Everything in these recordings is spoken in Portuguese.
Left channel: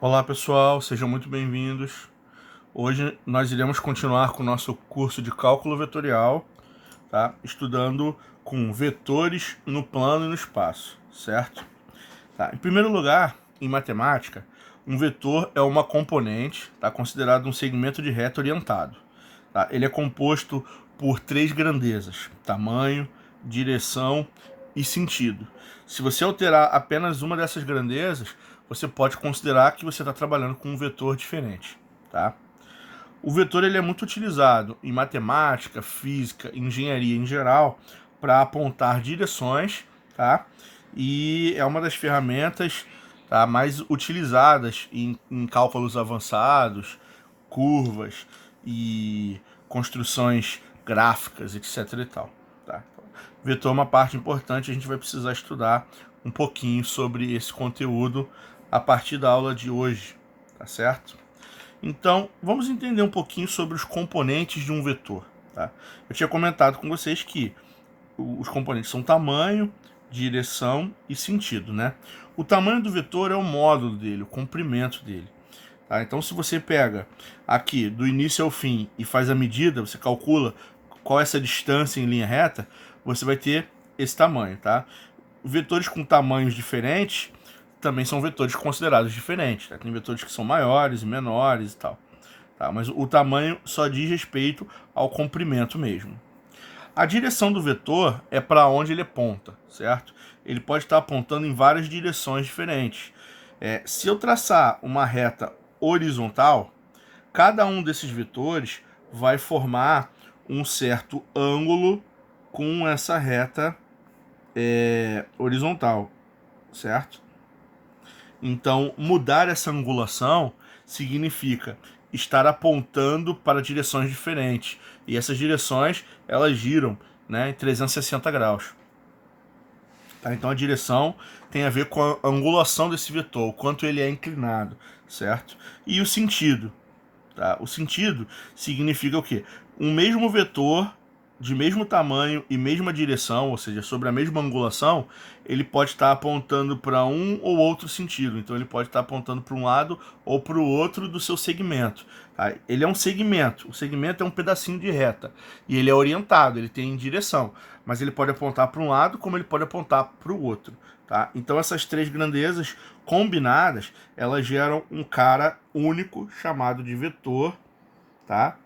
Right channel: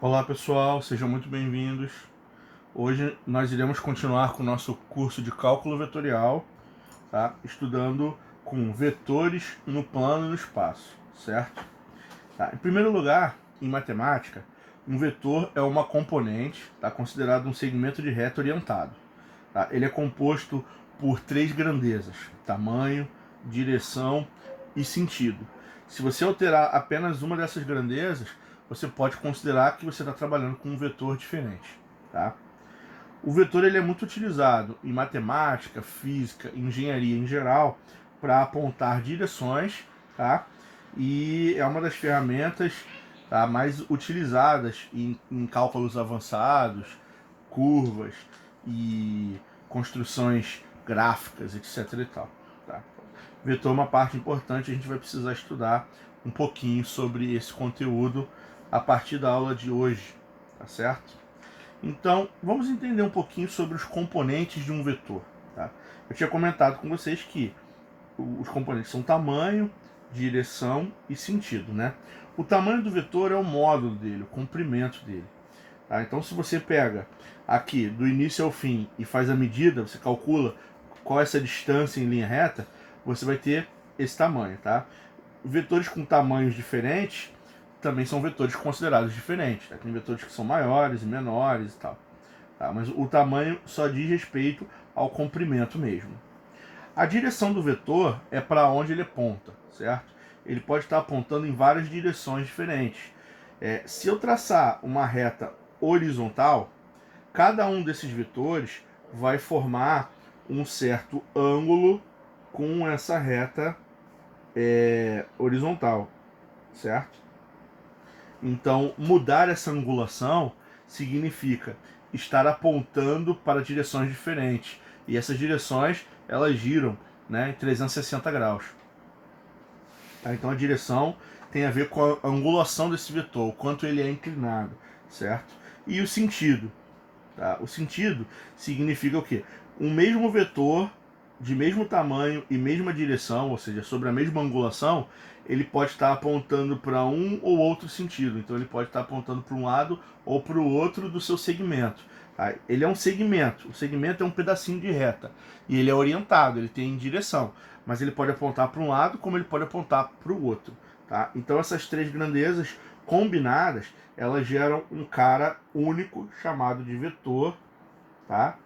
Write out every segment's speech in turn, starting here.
Olá pessoal, sejam muito bem-vindos. Hoje nós iremos continuar com o nosso curso de cálculo vetorial, tá? Estudando com vetores no plano e no espaço, certo? Tá. Em primeiro lugar, em matemática, um vetor é uma componente, tá? Considerado um segmento de reta orientado. Tá? Ele é composto por três grandezas: tamanho, direção e sentido. Se você alterar apenas uma dessas grandezas, você pode considerar que você está trabalhando com um vetor diferente. Tá? O vetor ele é muito utilizado em matemática, física, engenharia em geral para apontar direções, tá? E é uma das ferramentas, tá, mais utilizadas em cálculos avançados, curvas e construções gráficas, etc. e tal. Tá? Vetor é uma parte importante, a gente vai precisar estudar um pouquinho sobre esse conteúdo a partir da aula de hoje, tá certo? Então, vamos entender um pouquinho sobre os componentes de um vetor. Tá? Eu tinha comentado com vocês que os componentes são tamanho, direção e sentido. Né? O tamanho do vetor é o módulo dele, o comprimento dele. Tá? Então, se você pega aqui do início ao fim e faz a medida, você calcula qual é essa distância em linha reta, você vai ter esse tamanho. Tá? Vetores com tamanhos diferentes também são vetores considerados diferentes. Tá? Tem vetores que são maiores e menores e tal. Tá? Mas o tamanho só diz respeito ao comprimento mesmo. A direção do vetor é para onde ele aponta, certo? Ele pode estar apontando em várias direções diferentes. Se eu traçar uma reta horizontal, cada um desses vetores vai formar um certo ângulo com essa reta horizontal, certo? Então, mudar essa angulação significa estar apontando para direções diferentes. E essas direções, elas giram, né, em 360 graus. Tá? Então, a direção tem a ver com a angulação desse vetor, o quanto ele é inclinado, certo? E o sentido. Tá? O sentido significa o quê? Um mesmo vetor de mesmo tamanho e mesma direção, ou seja, sobre a mesma angulação, ele pode estar apontando para um ou outro sentido. Então ele pode estar apontando para um lado ou para o outro do seu segmento. Tá? Ele é um segmento. O segmento é um pedacinho de reta. E ele é orientado, ele tem direção. Mas ele pode apontar para um lado como ele pode apontar para o outro. Tá? Então essas três grandezas combinadas, elas geram um cara único chamado de vetor, tá?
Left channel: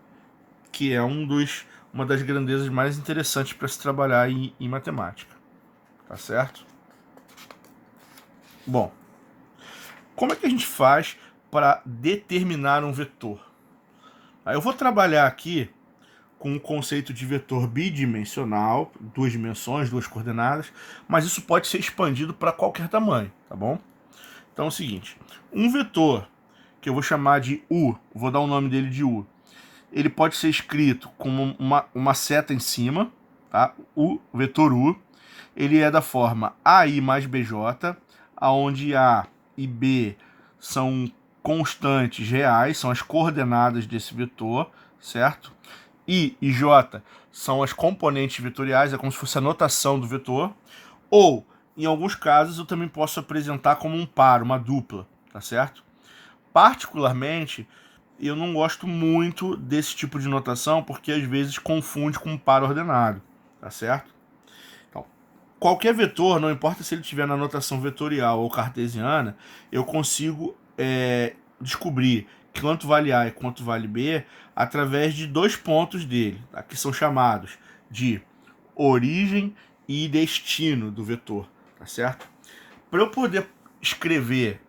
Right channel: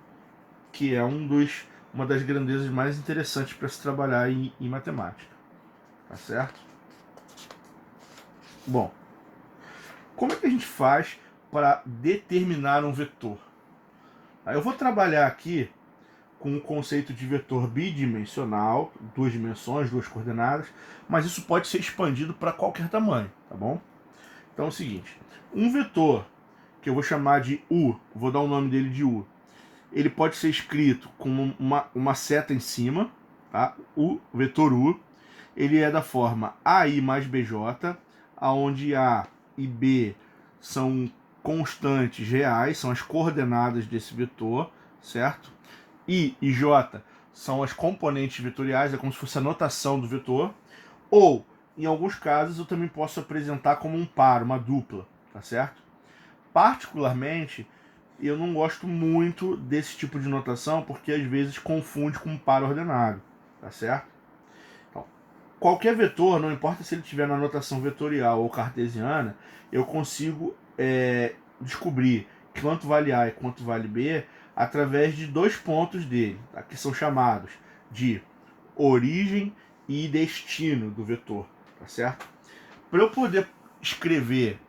Que é uma das grandezas mais interessantes para se trabalhar em matemática, tá certo? Bom, como é que a gente faz para determinar um vetor? Aí eu vou trabalhar aqui com o conceito de vetor bidimensional, duas dimensões, duas coordenadas, mas isso pode ser expandido para qualquer tamanho, tá bom? Então é o seguinte, um vetor que eu vou chamar de U, vou dar o nome dele de U, ele pode ser escrito com uma seta em cima, tá? O vetor U, ele é da forma AI mais BJ, onde A e B são constantes reais, são as coordenadas desse vetor, certo? I e J são as componentes vetoriais, é como se fosse a notação do vetor, ou, em alguns casos, eu também posso apresentar como um par, uma dupla, tá certo? Particularmente, eu não gosto muito desse tipo de notação porque às vezes confunde com um par ordenado, tá certo? Então, qualquer vetor, não importa se ele estiver na notação vetorial ou cartesiana, eu consigo descobrir quanto vale A e quanto vale B através de dois pontos dele, tá? Que são chamados de origem e destino do vetor, tá certo? Para eu poder descrever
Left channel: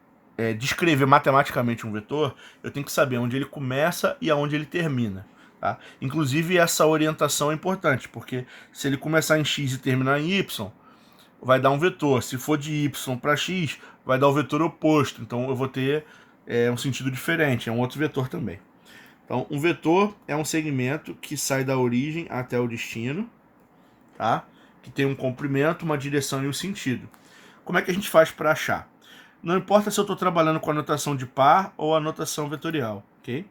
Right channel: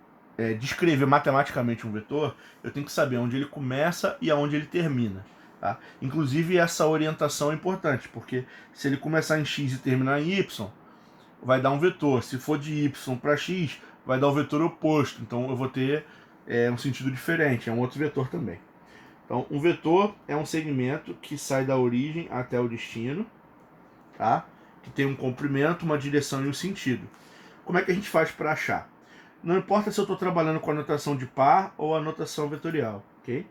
matematicamente um vetor, eu tenho que saber onde ele começa e aonde ele termina. Tá? Inclusive, essa orientação é importante, porque se ele começar em x e terminar em y, vai dar um vetor. Se for de y para x, vai dar o vetor oposto. Então, eu vou ter um sentido diferente, é um outro vetor também. Então, um vetor é um segmento que sai da origem até o destino, tá? Que tem um comprimento, uma direção e um sentido. Como é que a gente faz para achar? Não importa se eu estou trabalhando com a notação de par ou a notação vetorial, ok?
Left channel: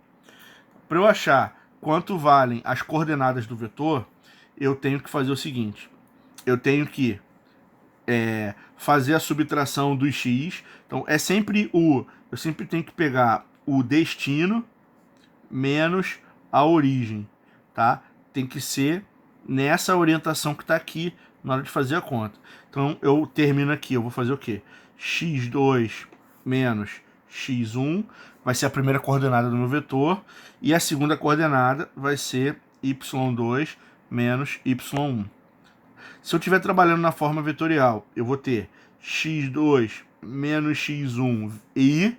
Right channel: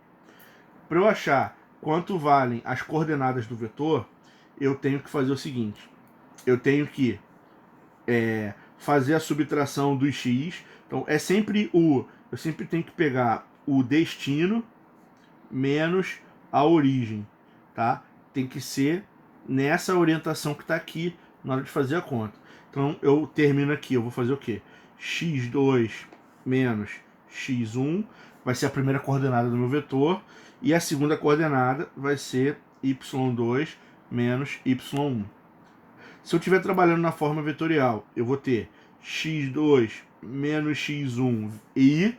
Para eu achar quanto valem as coordenadas do vetor, eu tenho que fazer o seguinte: eu tenho que fazer a subtração dos x, Então, eu sempre tenho que pegar o destino menos a origem, tá? Tem que ser nessa orientação que está aqui na hora de fazer a conta. Então, eu termino aqui, eu vou fazer o quê? x2 menos x1 vai ser a primeira coordenada do meu vetor, e a segunda coordenada vai ser y2 menos y1. Se eu estiver trabalhando na forma vetorial, eu vou ter x2 menos x1 i,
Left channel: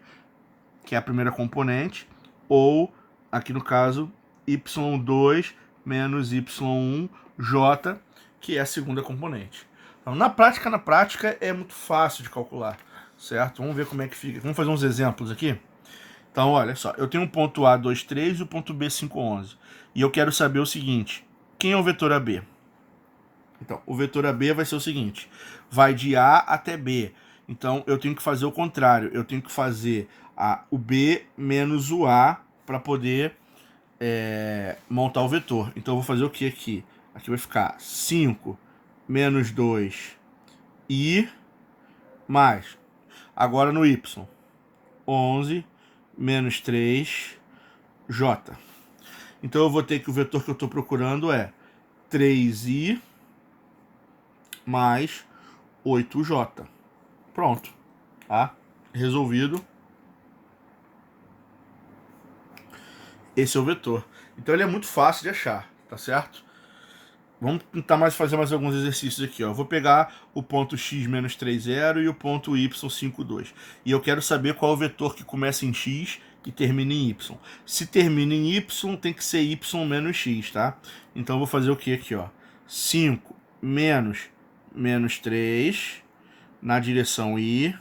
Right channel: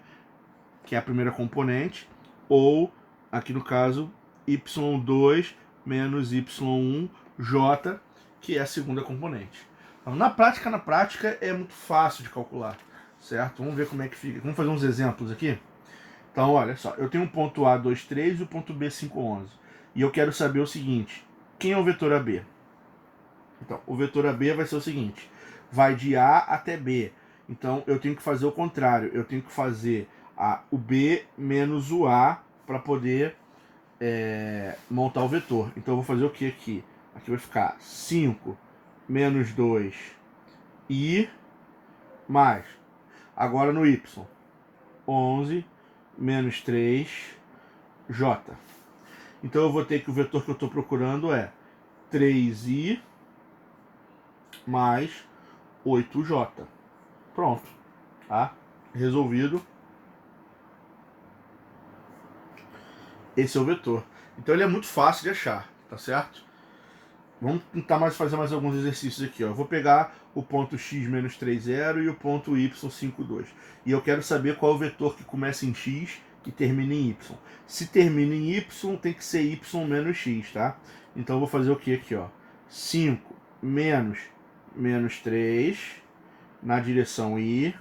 que é a primeira componente, ou, aqui no caso, y2 menos y1 j, que é a segunda componente. Então, na prática é muito fácil de calcular, certo? Vamos ver como é que fica. Vamos fazer uns exemplos aqui? Então, olha só, eu tenho um ponto A, 2, 3 e o ponto B, 5, 11. E eu quero saber o seguinte, quem é o vetor AB? Então, o vetor AB vai ser o seguinte, vai de A até B. Então, eu tenho que fazer o contrário, eu tenho que fazer o B menos o A para poder montar o vetor. Então, eu vou fazer o que aqui? Aqui vai ficar 5 menos 2 I mais, agora no Y, 11 menos 3 J. Então, eu vou ter que o vetor que eu estou procurando é 3I mais 8J. Pronto, tá? Resolvido. Esse é o vetor. Então ele é muito fácil de achar, tá certo? Vamos tentar fazer mais alguns exercícios aqui, ó. Eu vou pegar o ponto x menos 3, 0 e o ponto y 5, 2. E eu quero saber qual é o vetor que começa em x e termina em y. Se termina em y, tem que ser y menos x, tá? Então eu vou fazer o que aqui, ó? 5 menos 3 na direção i,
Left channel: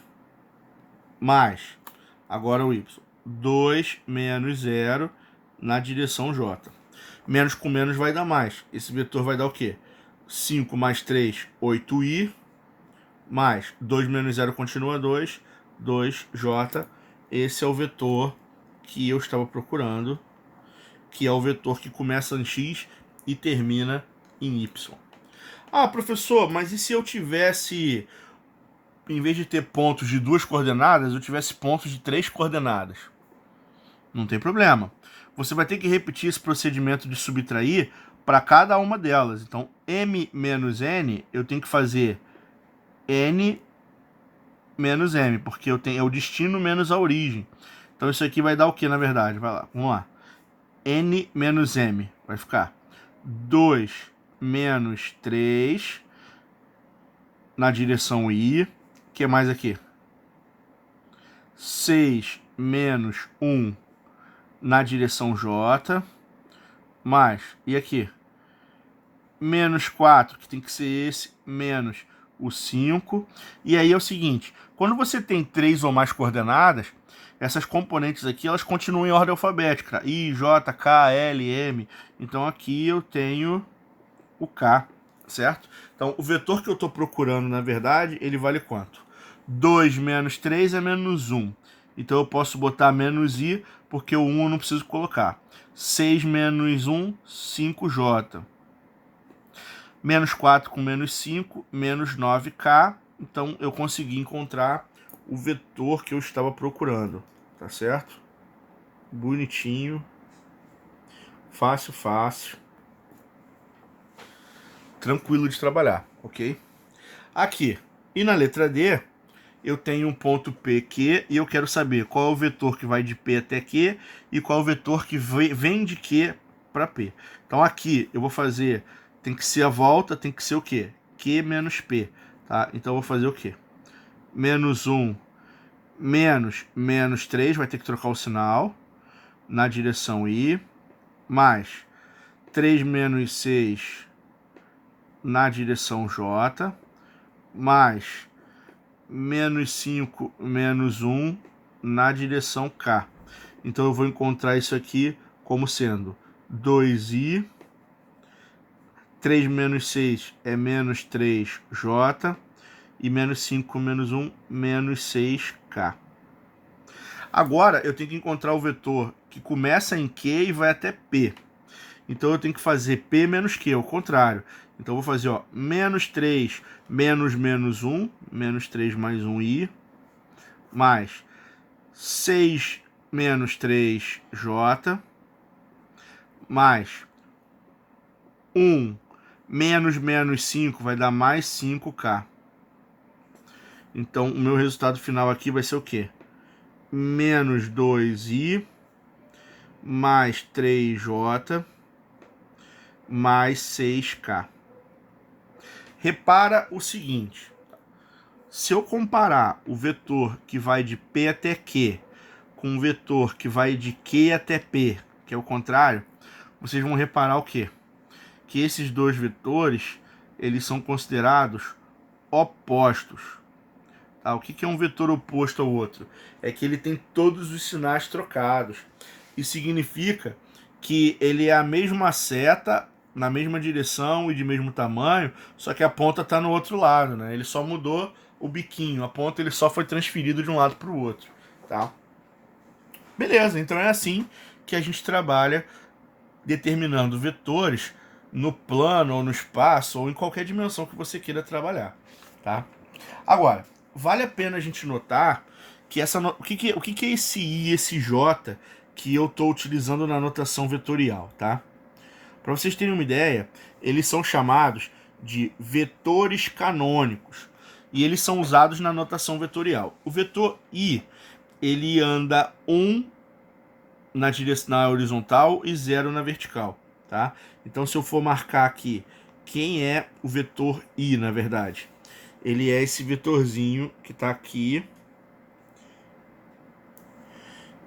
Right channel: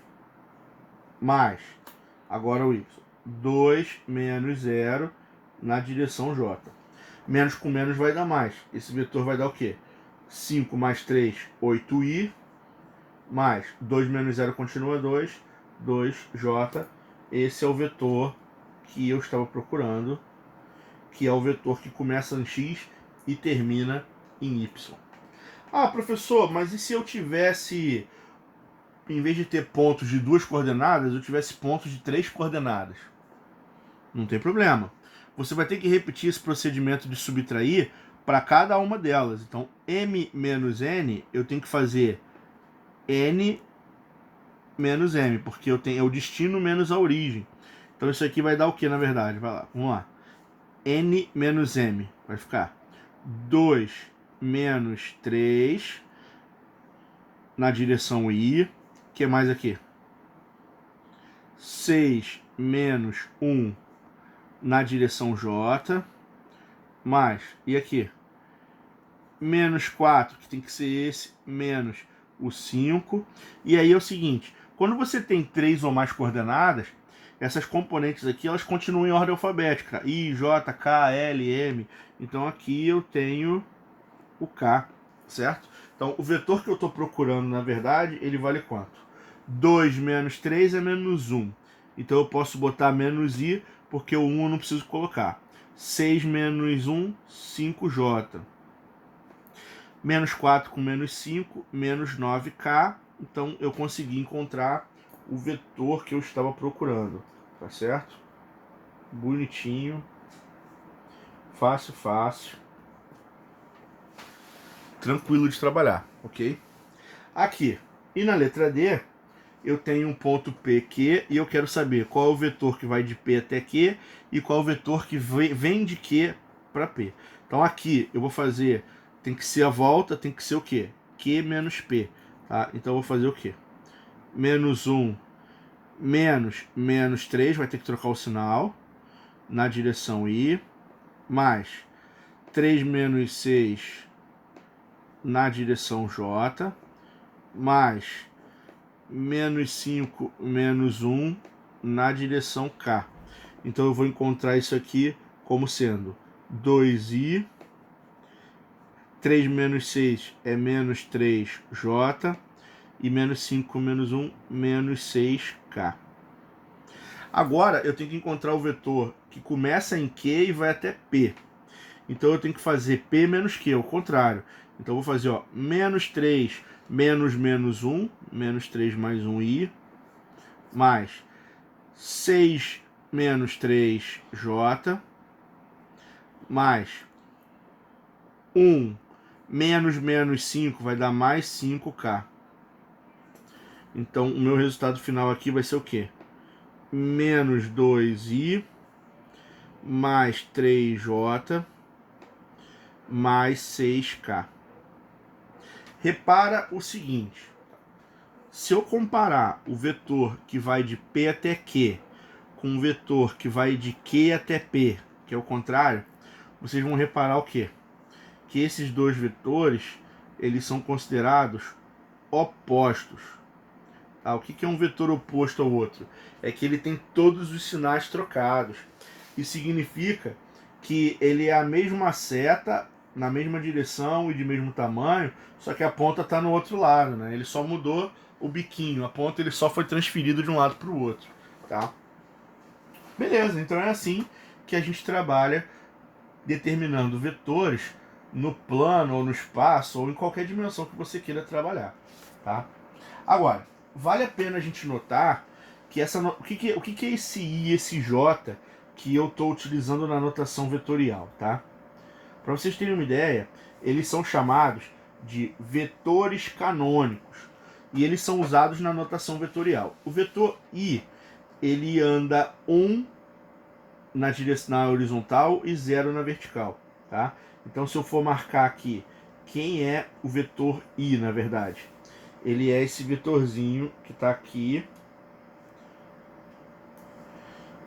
mais, agora o y, 2 menos 0 na direção j. Menos com menos vai dar mais. Esse vetor vai dar o quê? 5 mais 3, 8i, mais 2 menos 0 continua 2, 2j. Esse é o vetor que eu estava procurando, que é o vetor que começa em x e termina em y. Ah, professor, mas e se eu tivesse, em vez de ter pontos de 2 coordenadas, eu tivesse pontos de 3 coordenadas? Não tem problema. Você vai ter que repetir esse procedimento de subtrair para cada uma delas. Então, m menos n, eu tenho que fazer n menos m, porque é o destino menos a origem. Então, isso aqui vai dar o que, na verdade? Vai lá, vamos lá. n menos m vai ficar 2 menos 3 na direção i. O que mais aqui? 6 menos 1 na direção j, mais, e aqui? Menos 4, que tem que ser esse, menos o 5. E aí é o seguinte, quando você tem 3 ou mais coordenadas, essas componentes aqui, elas continuam em ordem alfabética. I, J, K, L, M. Então aqui eu tenho o K, certo? Então o vetor que eu estou procurando, na verdade, ele vale quanto? 2 menos 3 é menos 1. Então eu posso botar menos I, porque o 1 eu não preciso colocar. 6 menos 1, 5J. Menos 4 com menos 5, menos 9K. Então eu consegui encontrar o vetor que eu estava procurando. Tá certo? Bonitinho. Fácil, fácil. Tranquilo de trabalhar, ok? Aqui, e na letra D, eu tenho um ponto PQ e eu quero saber qual é o vetor que vai de P até Q e qual é o vetor que vem de Q para P. Então aqui eu vou fazer, tem que ser a volta, tem que ser o quê? Q menos P, tá? Então eu vou fazer o quê? Menos 1 menos 3, vai ter que trocar o sinal na direção I, mais 3 menos 6 na direção J, mais menos 5 menos 1 na direção K. Então eu vou encontrar isso aqui como sendo 2i, 3 menos 6 é menos 3j, e menos 5 menos 1, menos 6k. Agora eu tenho que encontrar o vetor que começa em Q e vai até P. Então eu tenho que fazer P menos Q, ao contrário. Então eu vou fazer, ó, menos 3 menos 1, menos 3 mais 1i, mais 6 menos 3J, mais 1 menos 5 vai dar mais 5K. Então, o meu resultado final aqui vai ser o quê? Menos 2I mais 3J mais 6K. Repara o seguinte. Se eu comparar o vetor que vai de P até Q com o vetor que vai de Q até P, que é o contrário, vocês vão reparar o quê? Que esses dois vetores, eles são considerados opostos. Tá? O que é um vetor oposto ao outro? É que ele tem todos os sinais trocados. Isso significa que ele é a mesma seta, na mesma direção e de mesmo tamanho, só que a ponta está no outro lado, né? Ele só mudou o biquinho, a ponta ele só foi transferido de um lado para o outro, tá? Beleza, então é assim que a gente trabalha determinando vetores no plano ou no espaço ou em qualquer dimensão que você queira trabalhar, tá? Agora, vale a pena a gente notar que o que é esse I e esse J que eu estou utilizando na notação vetorial, tá? Para vocês terem uma ideia, eles são chamados de vetores canônicos e eles são usados na notação vetorial. O vetor I, ele anda 1 na direção na horizontal e 0 na vertical, tá? Então, se eu for marcar aqui quem é o vetor I, na verdade, ele é esse vetorzinho que está aqui.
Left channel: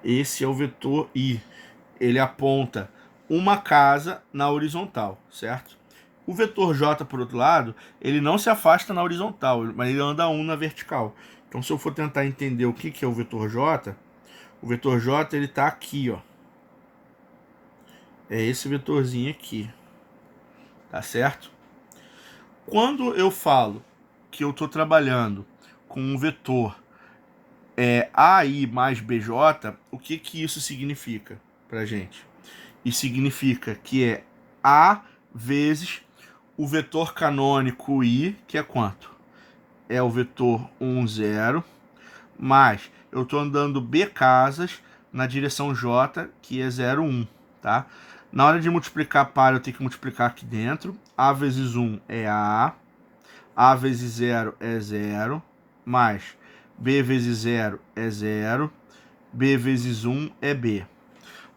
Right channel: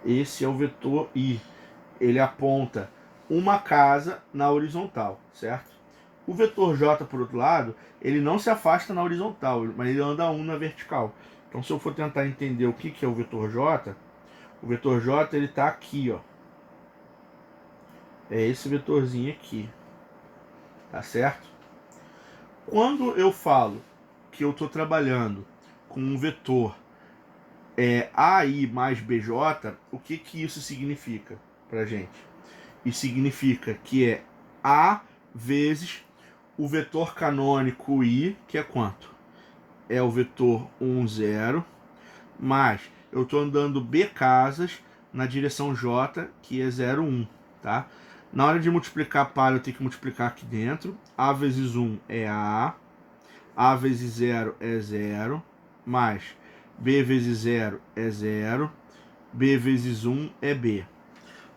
Esse é o vetor I. Ele aponta uma casa na horizontal, certo? O vetor J, por outro lado, ele não se afasta na horizontal, mas ele anda 1 na vertical. Então, se eu for tentar entender o que é o vetor J ele está aqui, ó. É esse vetorzinho aqui. Tá certo? Quando eu falo que eu estou trabalhando com um vetor AI mais BJ, o que isso significa pra gente? Isso significa que é A vezes o vetor canônico I, que é quanto? É o vetor 1, 0, mais eu estou andando B casas na direção J, que é 0, 1, tá? Na hora de multiplicar par, eu tenho que multiplicar aqui dentro. A vezes 1 é A vezes 0 é 0, mais B vezes 0 é 0, B vezes 1 é B.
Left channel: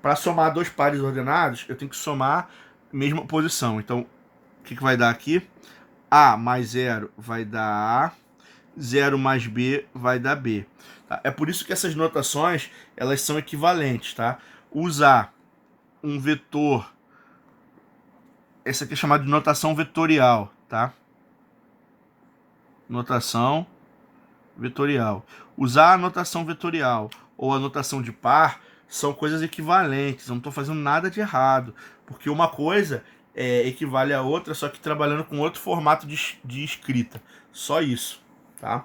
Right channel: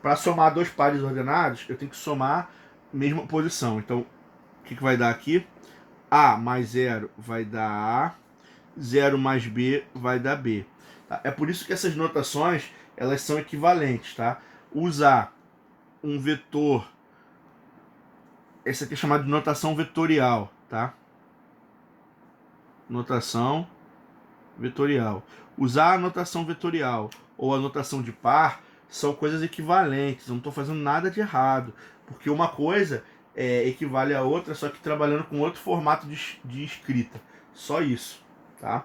Para somar dois pares ordenados, eu tenho que somar mesma posição. Então, o que vai dar aqui? A mais 0 vai dar A, 0 mais B vai dar B. Tá? É por isso que essas notações elas são equivalentes. Tá? Usar um vetor, essa aqui é chamada de notação vetorial. Tá? Notação vetorial. Usar a notação vetorial ou a notação de par são coisas equivalentes. Eu não estou fazendo nada de errado, porque uma coisa equivale à outra, só que trabalhando com outro formato de escrita. Só isso, tá?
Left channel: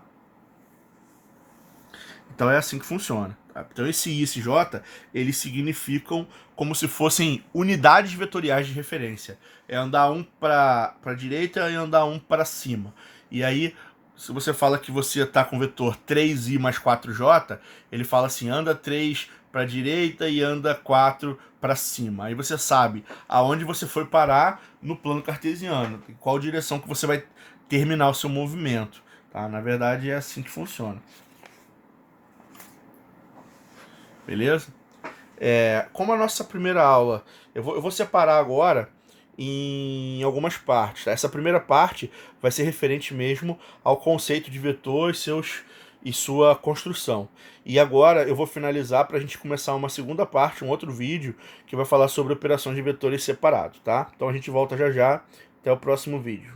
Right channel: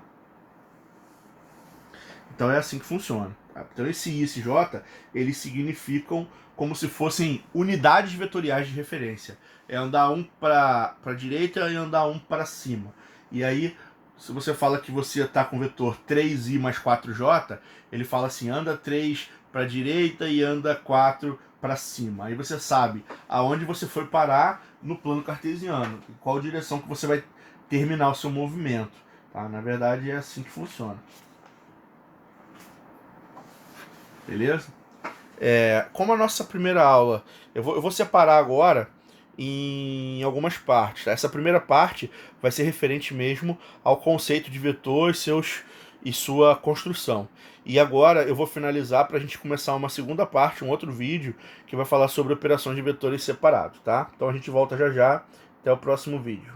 Então é assim que funciona. Tá? Então esse I e esse J, eles significam como se fossem unidades vetoriais de referência. É andar um para a direita e andar um para cima. E aí, se você fala que você está com o vetor 3i mais 4j, ele fala assim, anda 3 para a direita e anda 4 para cima. Aí você sabe aonde você foi parar no plano cartesiano, em qual direção que você vai terminar o seu movimento. Tá? Na verdade, é assim que funciona. Beleza? Como a nossa primeira aula, eu vou separar agora em algumas partes. Tá? Essa primeira parte vai ser referente mesmo ao conceito de vetor e sua construção. E agora eu vou finalizar para a gente começar uma segunda parte, um outro vídeo, que vai falar sobre operações de vetores separados. Tá? Então a gente volta já já. Até o próximo vídeo.